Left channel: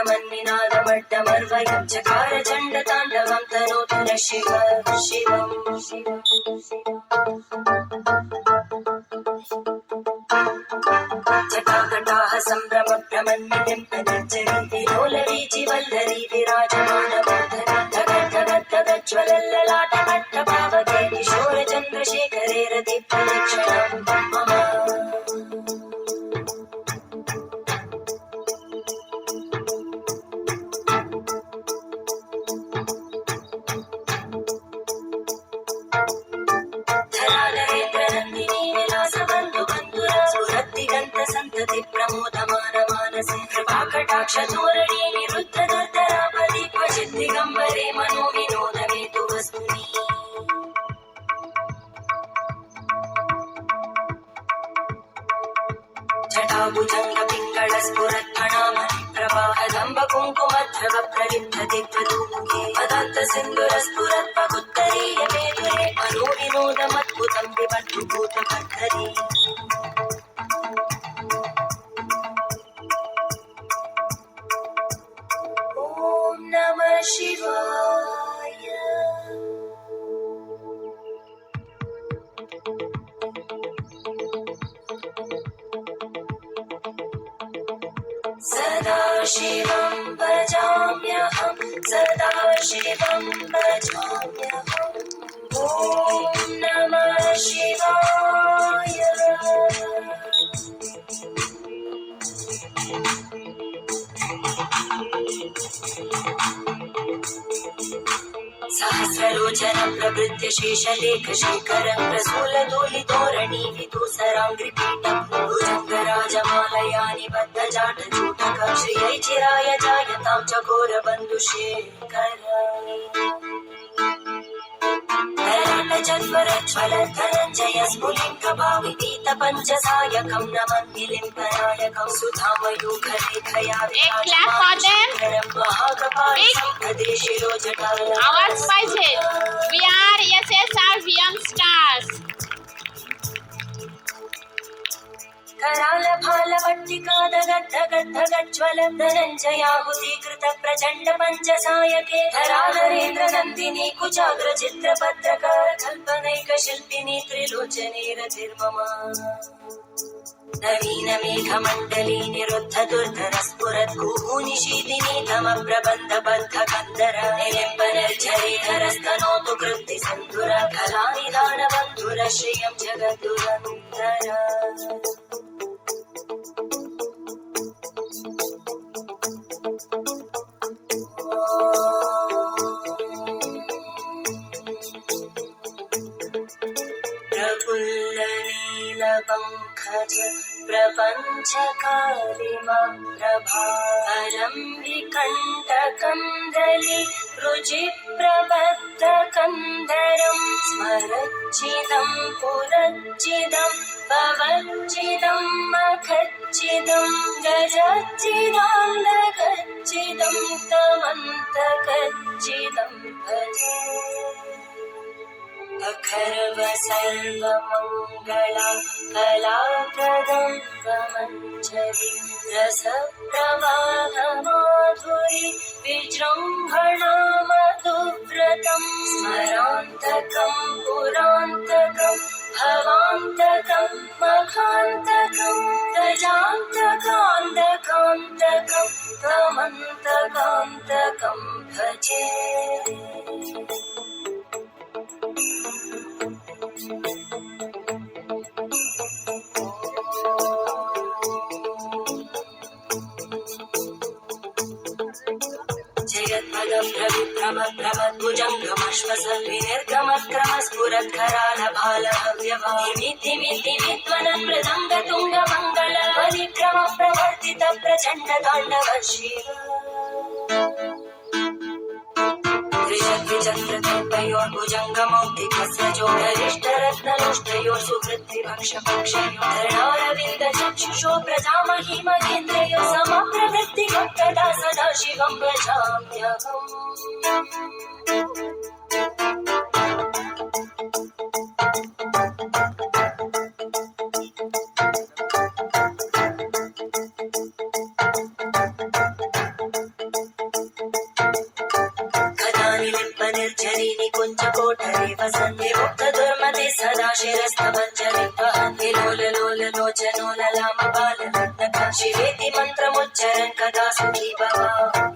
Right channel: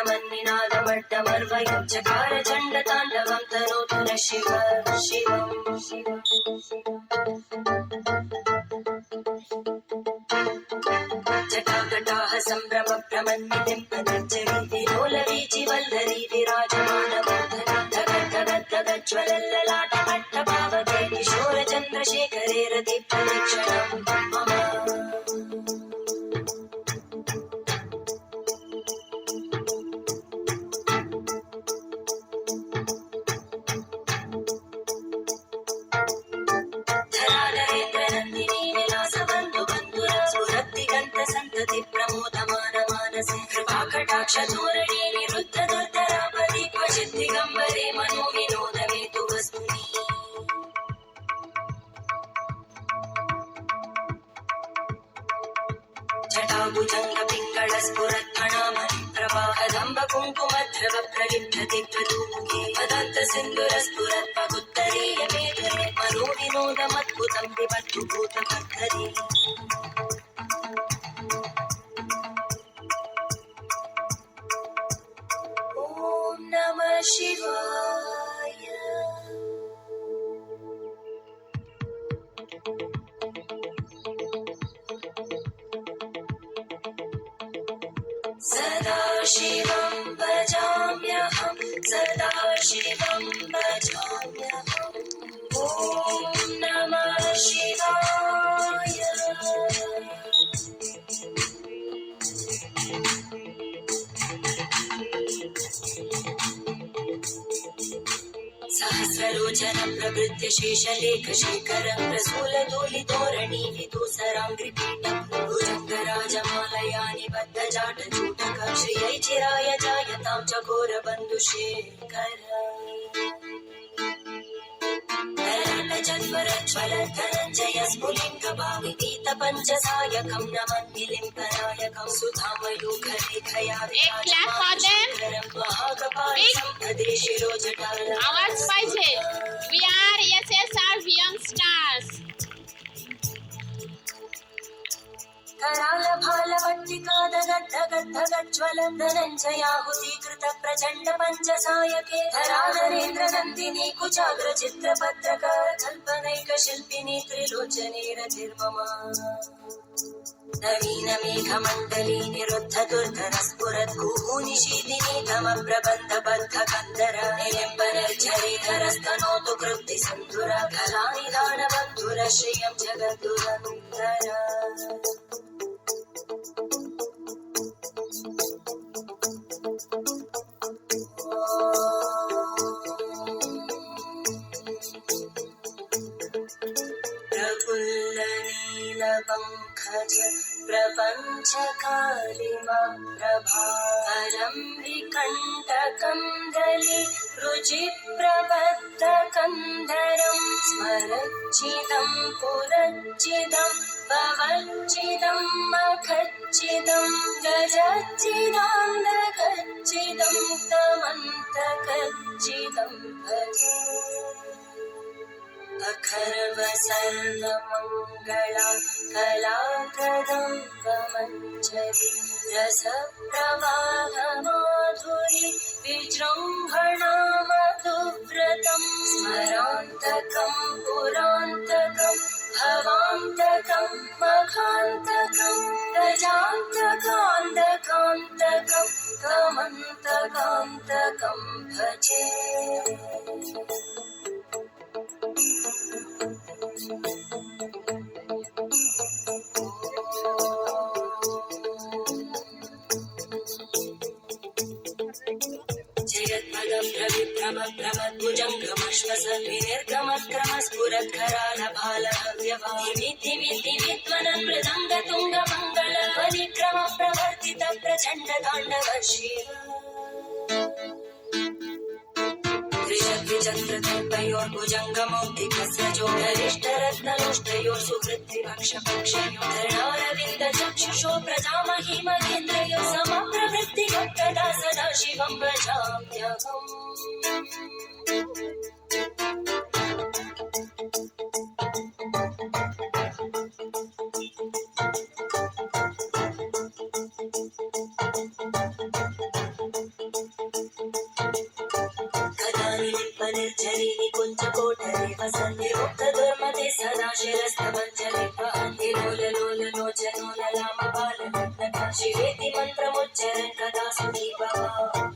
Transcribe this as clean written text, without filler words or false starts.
ब्रह्मन्निनादमड्डमर्वयं चकार चण्डताण्डवं तनोतु न शिव शिवम् जटाकटाः सम्भ्रमभ्रमन्निलिम्पतर्जनी विलोलवीचिवल्लरी विराजमानमोहना धगज्ज्वलल्ललाटकट्टभावके किशोरचन्द्रशेखरे रतिप्रदक्षिणं मम धराधरेन्द्रनन्दिनी विलासबन्धुबन्धुरा स्फुरद्दिगन्तसन्तति प्रमोदमानमानसे कृपाकटाक्षतोरणी निरुद्धदुर्धरापदि क्वचिद्दिगम्बरे मनोविनोदमेतु वस्तुनि जटाभुजङ्गपिङ्गळस्फुरत्फणामणिप्रवाहदम्बकुङ्कुमध्रवप्रलिप्तदिग्धतुमुखे पदान्तसिन्धुरस्फुरत्पगुत्तरीयमेतुरे मनोविनोदमद्भुतं विपट्टुभूतकर्धरी ॐ नमः शिवाय सदाशिवं भजाम्यहं सदाशिवं भजाम्यहम् ॐ नमः शिवाय सहस्रलोचन प्रवृत्य शेषलेखशेखरं प्रसूलदोलितोरणी विदूसराङ्घ्रिपीठं भुजङ्गराजमालया निबद्धजाटचूटकं श्रियै चिराय जायतां चकोरबन्धुशेखर ललाटचत्वरज्वलद्धनञ्जय स्फुलिङ्गभाविपीतपञ्चसायकं नमन्निलिम्पनायकं सुधामयूखलेखया महाकपालसम्पदे शिरोजटाल आवाज पाहिजे. We are SSR Young Stars. करालभालपट्टिकादगद्धगद्धगज्ज्वलद्धनञ्जयाहुतीकृत प्रचण्ड पञ्चसायके धराधरेन्द्रनन्दिनी कुचाग्रचित्रपत्रकार कल्पनैकशिल्पिनी त्रिलोचने रतिर्मम नवीनमेघमण्डली निरुद्धदुर्धरस्फुरद्गूनिशीतिनी तमप्रबन्धबद्धकन्दर निलिम्पनर्झरीधरस्तनोतु कृत्तिसन्धुर कलानिधानबन्धुर श्रियं जगद्दुरन्तरा प्रफुल्लनीलपङ्कज प्रपञ्चकारिमां प्रभावलं विकण्ठकन्दली रुचिप्रबद्धकन्धरं स्मरच्चिदं पुरच्चिदं भवच्चिदं मखच्चिदं गजच्चिदान्दकच्चिदं तमन्तकच्चिदं भजे अखर्व सर्वमङ्गला कलाप्रदं कमञ्जरी रसप्रवाहमाधुरी विजृम्भणा मधुव्रतं स्मरान्तकं पुरान्तकं भवान्तकं मखान्तकं गजान्तकान्तकान्तकं कमन्तकान्तकं भजे जयत्पदभ्रविभ्रमभ्रमद्भुजङ्गमश्वसद्विनिर्गमक्रमस्फुरत्करालभालभव्यवादिमिद्धिमिद्धिविध्वनन् मृदङ्गतुङ्गमङ्गल परिक्रमप्रवर्तित प्रचण्डताण्डव शिव त्रिशक्तिचक्रकल्पयोर्भुजङ्गमौक्तिकसजोधरिष्ठरत्ननुष्टयोः सुवृत्तिभक्षपक्षयोः धरणारविन्दचक्षुषो प्रजामहि महेन्द्रयोः समप्रवृत्तिभक्तदा सदा शिवं भजाम्यहम् कोटरे वसन्ति मुक्तदुर्मते सदा शिरस्तमञ्जलिर्वहन्ति लोललोललोचनो ललामबालनर्तका शिवेति मन्त्रमुच्चरन् कदा सुखी भव